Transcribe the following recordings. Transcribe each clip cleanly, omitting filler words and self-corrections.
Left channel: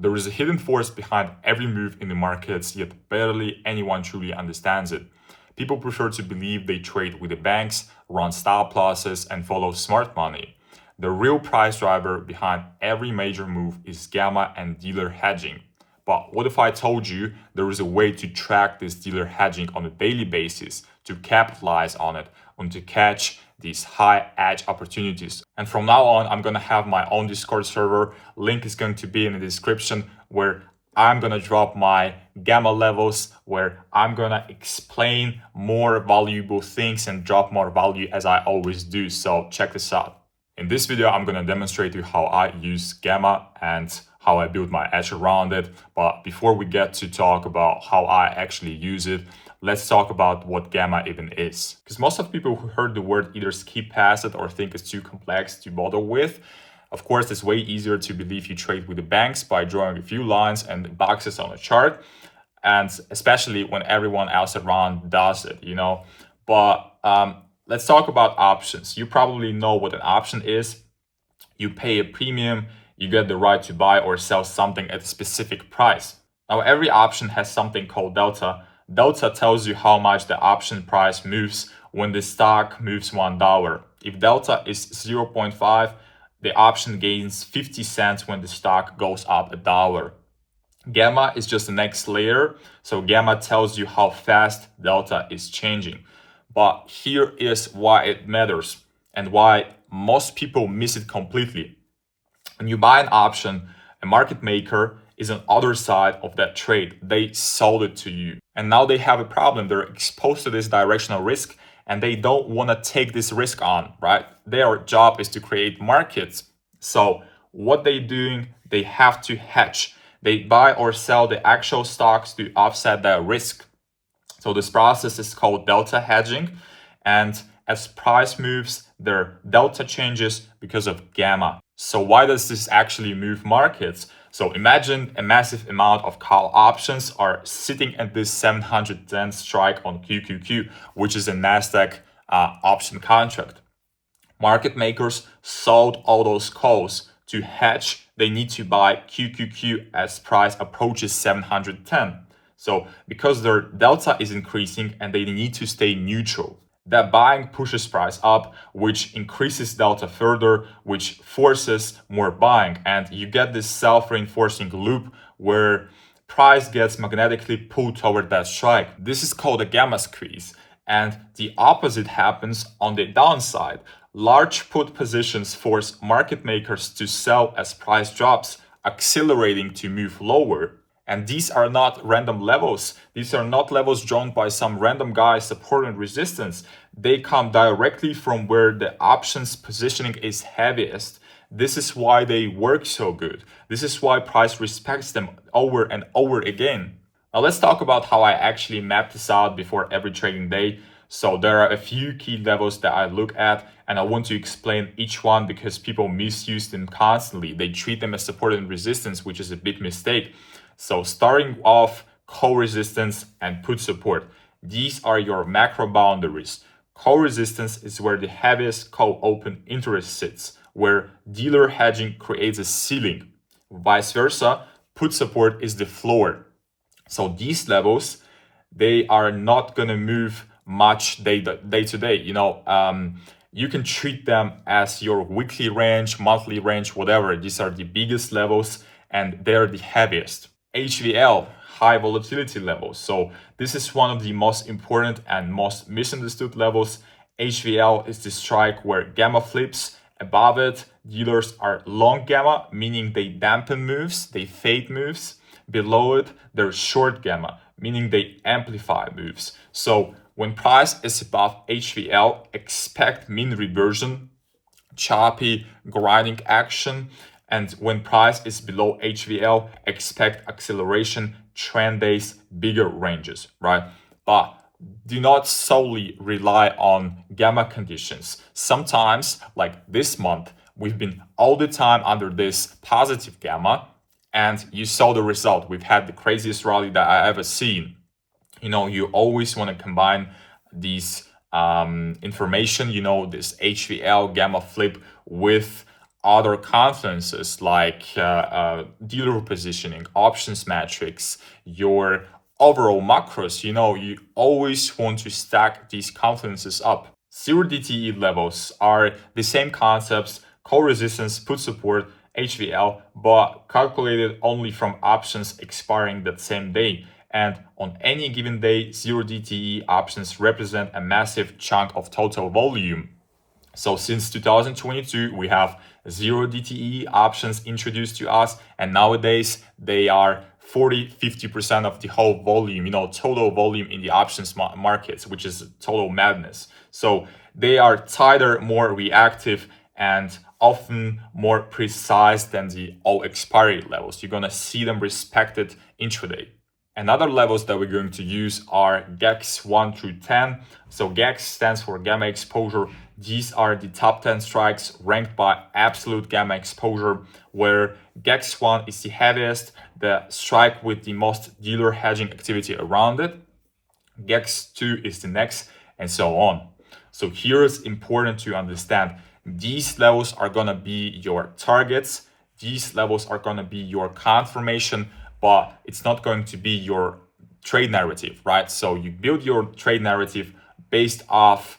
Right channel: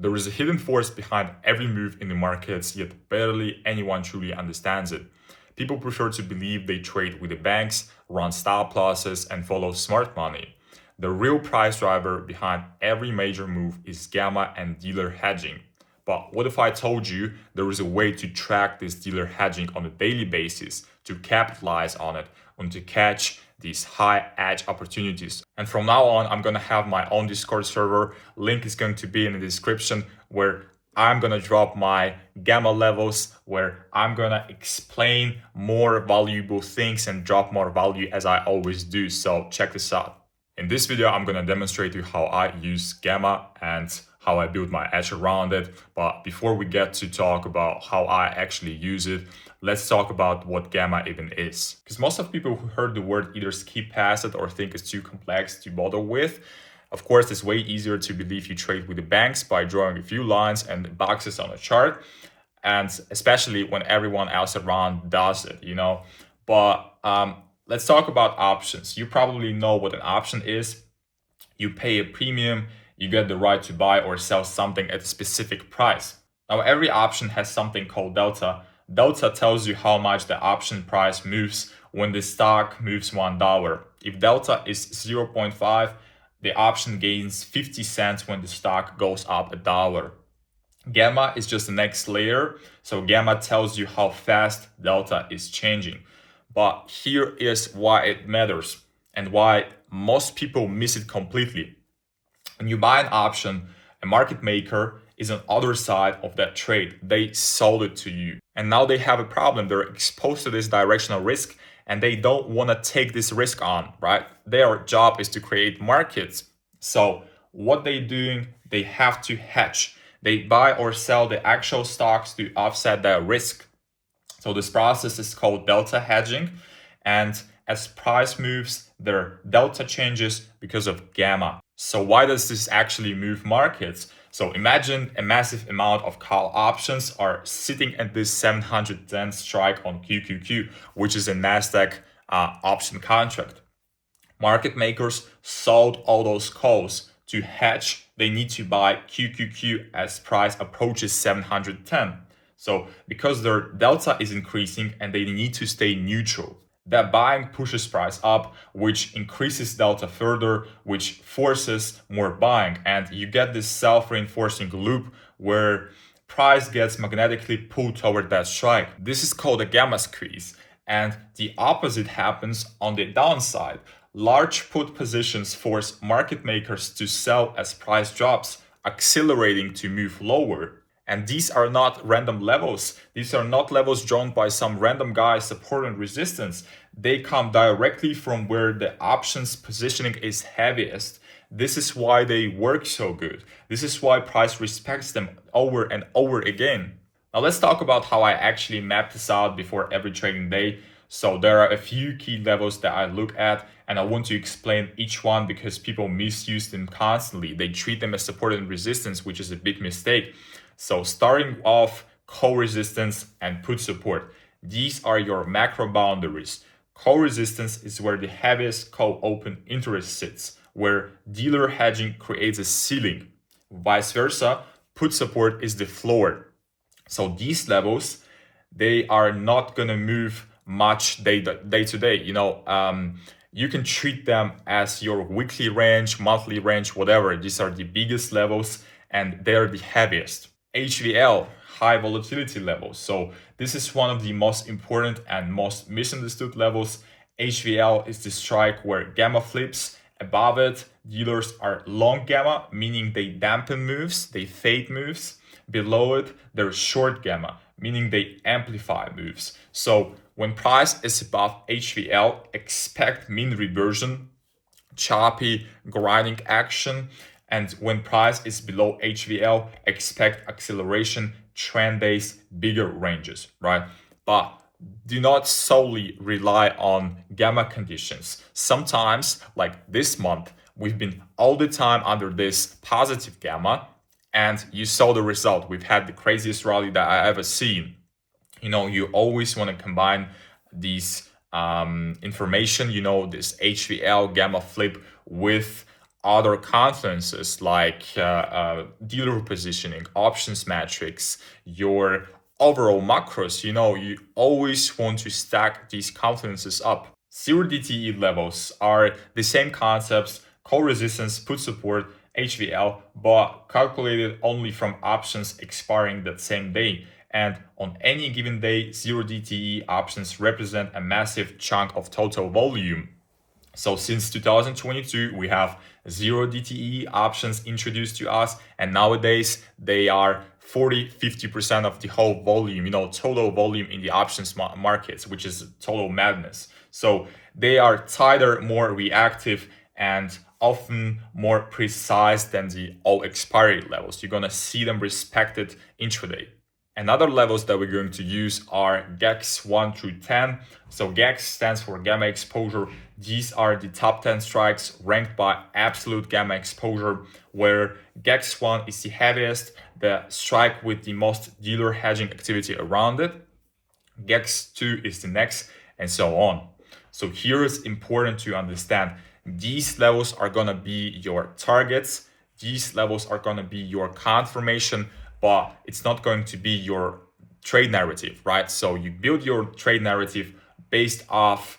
There is a hidden force behind every move in the markets, yet barely anyone truly understands it. People prefer to believe they trade with the banks, run stop losses, and follow smart money. The real price driver behind every major move is gamma and dealer hedging. But what if I told you there is a way to track this dealer hedging on a daily basis, to capitalize on it, and to catch these high edge opportunities? And from now on, I'm gonna have my own Discord server. Link is going to be in the description, where I'm gonna drop my gamma levels, where I'm gonna explain more valuable things and drop more value as I always do. So check this out. In this video, I'm gonna demonstrate to you how I use gamma and how I build my edge around it. But before we get to talk about how I actually use it, let's talk about what gamma even is. Because most of people who heard the word either skip past it or think it's too complex to bother with. Of course, it's way easier to believe you trade with the banks by drawing a few lines and boxes on a chart, and especially when everyone else around does it, But let's talk about options. You probably know what an option is. You pay a premium, you get the right to buy or sell something at a specific price. Now, every option has something called delta. Delta tells you how much the option price moves when the stock moves $1. If delta is 0.5, the option gains 50 cents when the stock goes up $1. Gamma is just the next layer. So gamma tells you how fast delta is changing. But here is why it matters and why most people miss it completely. When you buy an option, a market maker is on the other side of that trade. They sold it to you. And now they have a problem. They're exposed to this directional risk and they don't want to take this risk on, right? Their job is to create markets. So what they're doing, they have to hedge. They buy or sell the actual stocks to offset that risk. So this process is called delta hedging. And as price moves, their delta changes because of gamma. So why does this actually move markets? So imagine a massive amount of call options are sitting at this 710 strike on QQQ, which is a NASDAQ option contract. Market makers sold all those calls. To hedge, they need to buy QQQ as price approaches 710. So because their delta is increasing and they need to stay neutral, that buying pushes price up, which increases delta further, which forces more buying. And you get this self-reinforcing loop where price gets magnetically pulled toward that strike. This is called a gamma squeeze. And the opposite happens on the downside. Large put positions force market makers to sell as price drops, accelerating to move lower. And these are not random levels. These are not levels drawn by some random guy support and resistance. They come directly from where the options positioning is heaviest. This is why they work so good. This is why price respects them over and over again. Now let's talk about how I actually map this out before every trading day. So there are a few key levels that I look at, and I want to explain each one because people misuse them constantly. They treat them as support and resistance, which is a big mistake. So starting off, call resistance and put support. These are your macro boundaries. Call resistance is where the heaviest call open interest sits, where dealer hedging creates a ceiling. Vice versa, put support is the floor. So these levels, they are not gonna move much day to day. You can treat them as your weekly range, monthly range, whatever. These are the biggest levels and they're the heaviest. HVL, high volatility levels. So this is one of the most important and most misunderstood levels. HVL is the strike where gamma flips. Above it, dealers are long gamma, meaning they dampen moves, they fade moves. Below it, they're short gamma, meaning they amplify moves. So when price is above HVL, expect mean reversion, choppy grinding action. And when price is below HVL, expect acceleration, trend-based, bigger ranges, right? But do not solely rely on gamma conditions. Sometimes, like this month, we've been all the time under this positive gamma, and you saw the result. We've had the craziest rally that I ever seen. You always want to combine these information, this HVL gamma flip with other confluences like dealer positioning, options metrics, your overall macros. You always want to stack these confluences up. Zero DTE levels are the same concepts: call resistance, put support, HVL, but calculated only from options expiring that same day. And on any given day, zero DTE options represent a massive chunk of total volume. So since 2022, we have zero DTE options introduced to us, and nowadays they are 40-50% of the whole volume, total volume in the options markets, which is total madness. So they are tighter, more reactive, and often more precise than the all expiry levels. You're gonna see them respected intraday. And other levels that we're going to use are GEX 1 through 10. So GEX stands for gamma exposure. These are the top 10 strikes ranked by absolute gamma exposure, where GEX 1 is the heaviest, the strike with the most dealer hedging activity around it. GEX 2 is the next, and so on. So here it's important to understand these levels are going to be your targets. These levels are going to be your confirmation, but it's not going to be your trade narrative, right? So you build your trade narrative based off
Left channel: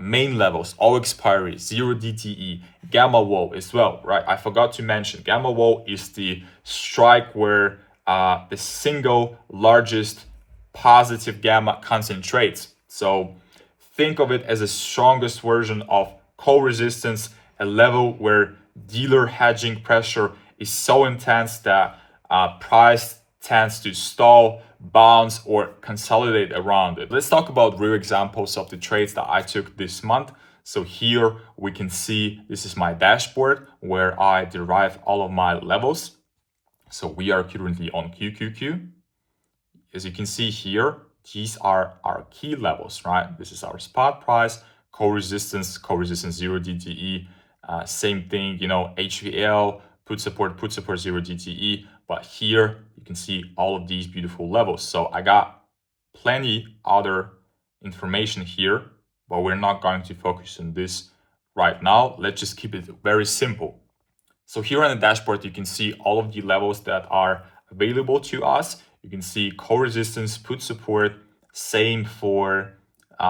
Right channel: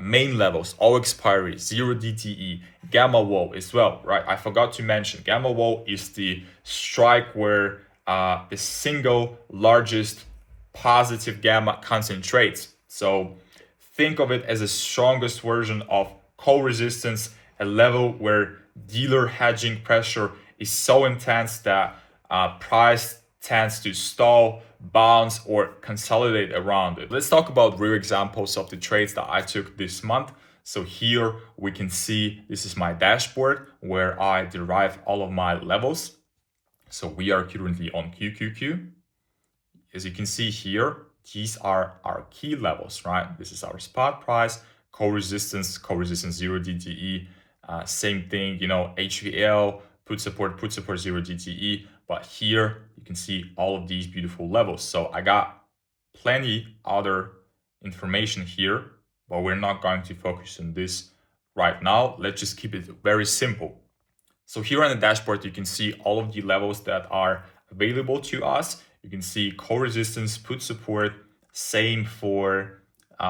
main levels, all expiry, zero DTE, gamma wall as well, right? I forgot to mention gamma wall is the strike where the single largest positive gamma concentrates. So think of it as the strongest version of call resistance, a level where dealer hedging pressure is so intense that price tends to stall, bounce, or consolidate around it. Let's talk about real examples of the trades that I took this month. So here we can see this is my dashboard where I derive all of my levels. So we are currently on QQQ. As you can see here, these are our key levels, right? This is our spot price, call resistance 0 DTE, same thing, HVL, put support 0 DTE. But here you can see all of these beautiful levels. So I got plenty other information here, but we're not going to focus on this right now. Let's just keep it very simple. So here on the dashboard, you can see all of the levels that are available to us. You can see call resistance, put support, same for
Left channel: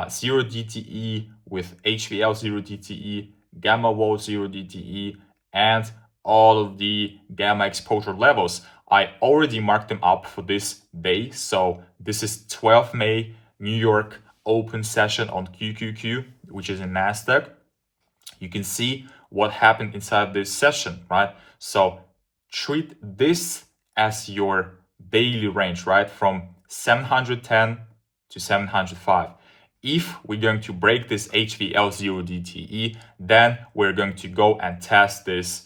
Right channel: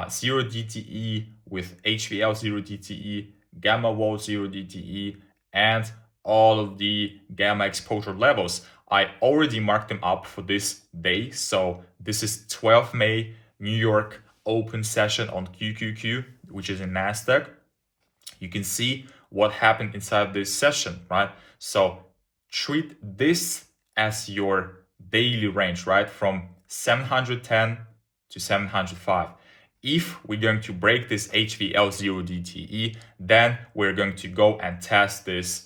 0 DTE with HVL 0 DTE, gamma wall 0 DTE, and all of the gamma exposure levels. I already marked them up for this day. So this is 12 May, New York open session on QQQ, which is in NASDAQ. You can see what happened inside this session, right? So treat this as your daily range, right? From 710 to 705. If we're going to break this HVL 0 DTE, then we're going to go and test this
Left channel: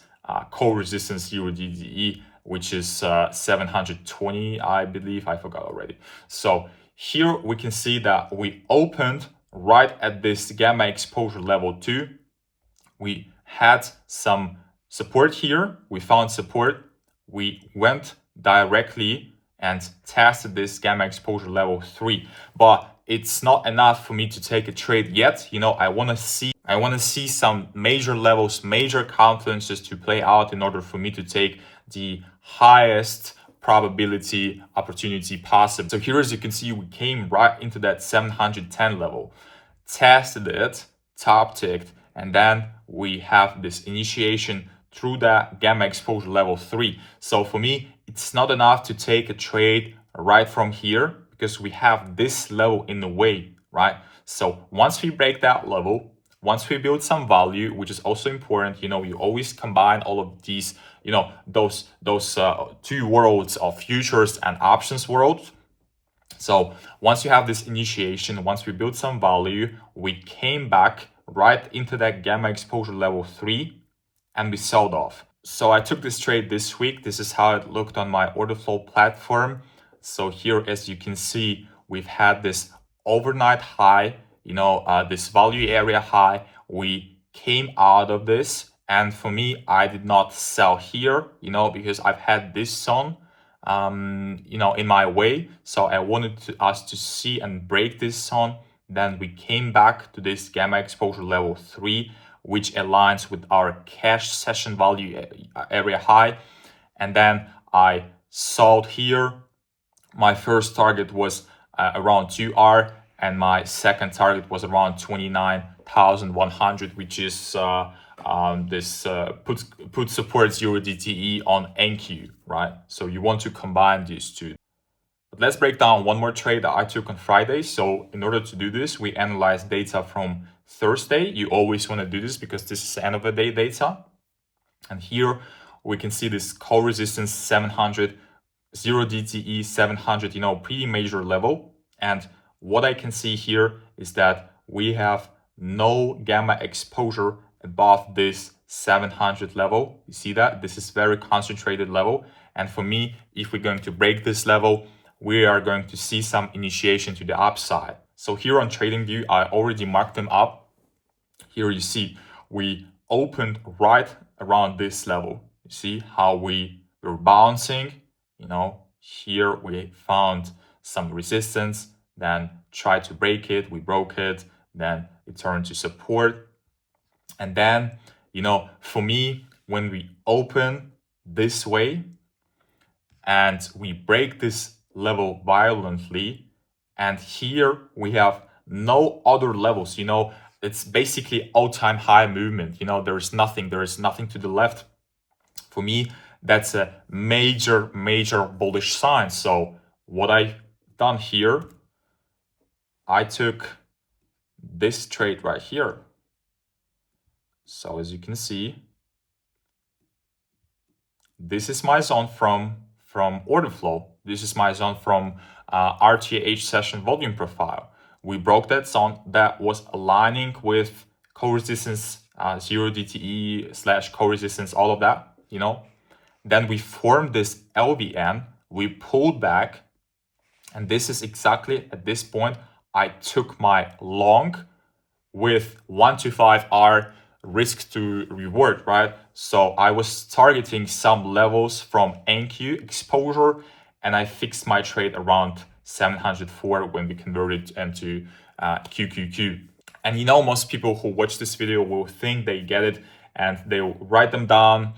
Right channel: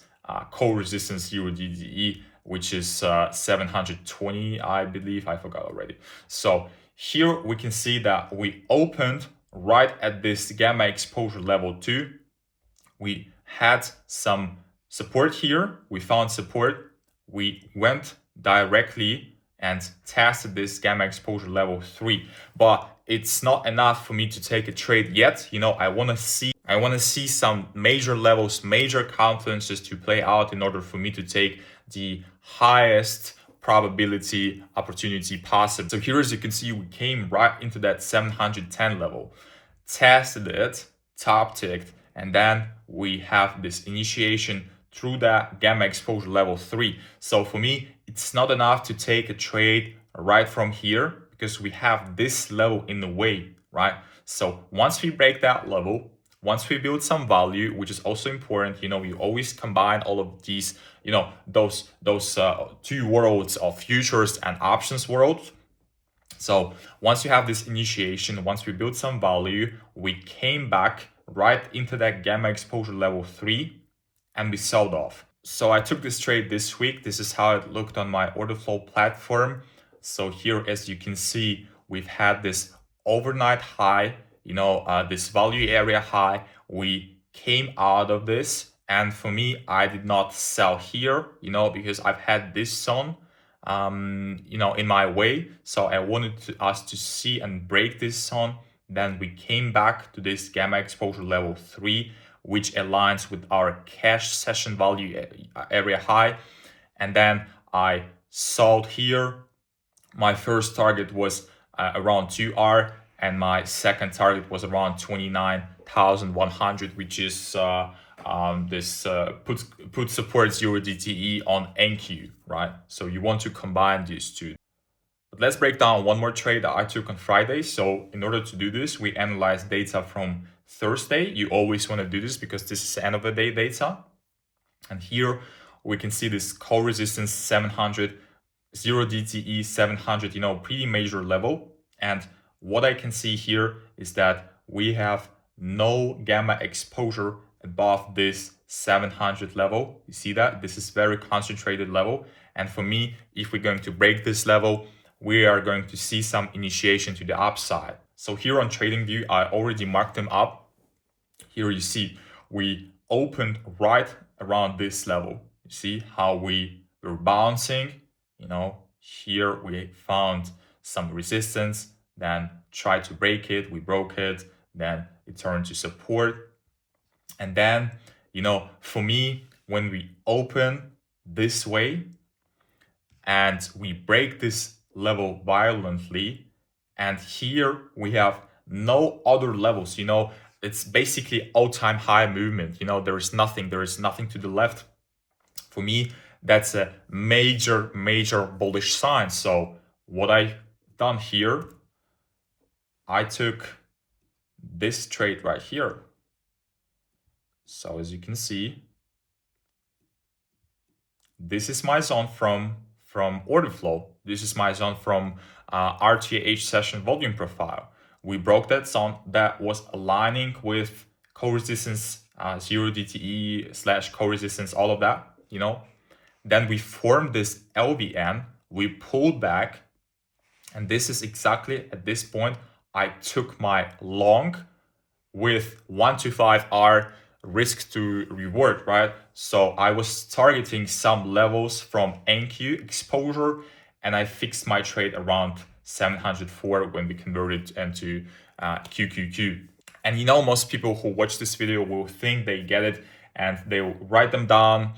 call resistance 0 DTE, which is 720, I believe. I forgot already. So here we can see that we opened right at this gamma exposure level 2. We had some support here. We found support. We went directly and tested this gamma exposure level 3. But it's not enough for me to take a trade yet. I want to see some major levels, major confluences to play out in order for me to take the highest probability opportunity possible. So here, as you can see, we came right into that 710 level, tested it, top ticked, and then we have this initiation through that gamma exposure level 3. So for me, it's not enough to take a trade right from here because we have this level in the way, right? So once we break that level, once we build some value, which is also important, you always combine all of these, those two worlds of futures and options world. So once you have this initiation, once we build some value, we came back right into that gamma exposure level 3 and we sold off. So I took this trade this week. This is how it looked on my order flow platform. So here, as you can see, we've had this overnight high, this value area high. We came out of this, and for me, I did not sell here, because I've had this zone in my way. So I wanted us to see and break this zone. Then we came back to this gamma exposure level 3. which aligns with our cash session value area high. And then I sold here. My first target was around 2R, and my second target was around 29,100, which is this put supports your DTE on NQ, right? So you want to combine these two. But let's break down one more trade that I took on Friday. So in order to do this, we analyze data from Thursday. You always want to do this because this is end of the day data. And here we can see this call resistance 700, 0 DTE 700, pretty major level. And what I can see here is that we have no gamma exposure above this 700 level. You see that? This is very concentrated level. And for me, if we're going to break this level, we are going to see some initiation to the upside. So here on TradingView, I already marked them up. Here you see we opened right around this level. You see how we were bouncing, here we found some resistance, then tried to break it, we broke it, then it turned to support. And then, for me, when we open this way and we break this level violently, and here we have no other levels, it's basically all-time high movement. There is nothing to the left. For me, that's a major bullish sign. So what I've done here, I took this trade right here. So as you can see, this is my zone from order flow. This is my zone from RTH session volume profile. We broke that zone that was aligning with co-resistance, 0 DTE / co-resistance, all of that, Then we formed this LVN, we pulled back, and this is exactly at this point, I took my long with 1 to 5R risk to reward, right? So I was targeting some levels from NQ exposure, and I fixed my trade around 704 when we converted into QQQ. And most people who watch this video will think they get it, and they will write them down,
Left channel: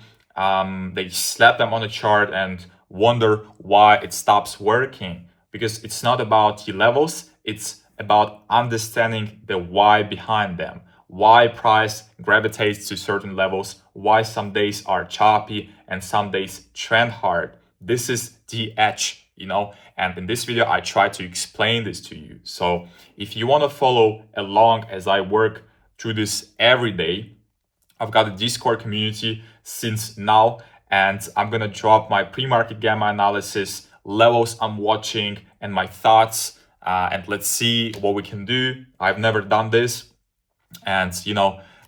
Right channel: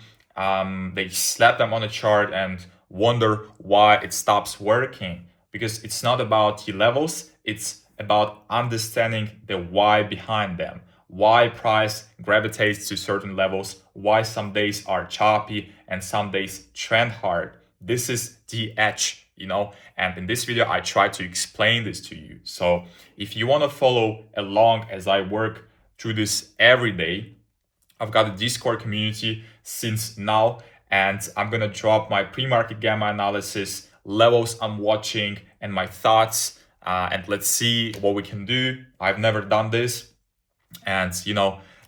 they slap them on the chart and wonder why it stops working. Because it's not about the levels, it's about understanding the why behind them. Why price gravitates to certain levels, why some days are choppy and some days trend hard. This is the edge, and in this video, I try to explain this to you. So if you want to follow along as I work through this every day, I've got a Discord community since now, and I'm going to drop my pre-market gamma analysis, levels I'm watching, and my thoughts. And let's see what we can do. I've never done this. And,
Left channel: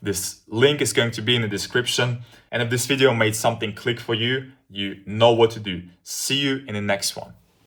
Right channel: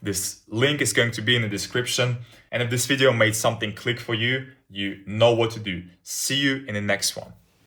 this link is going to be in the description. And if this video made something click for you, you know what to do. See you in the next one.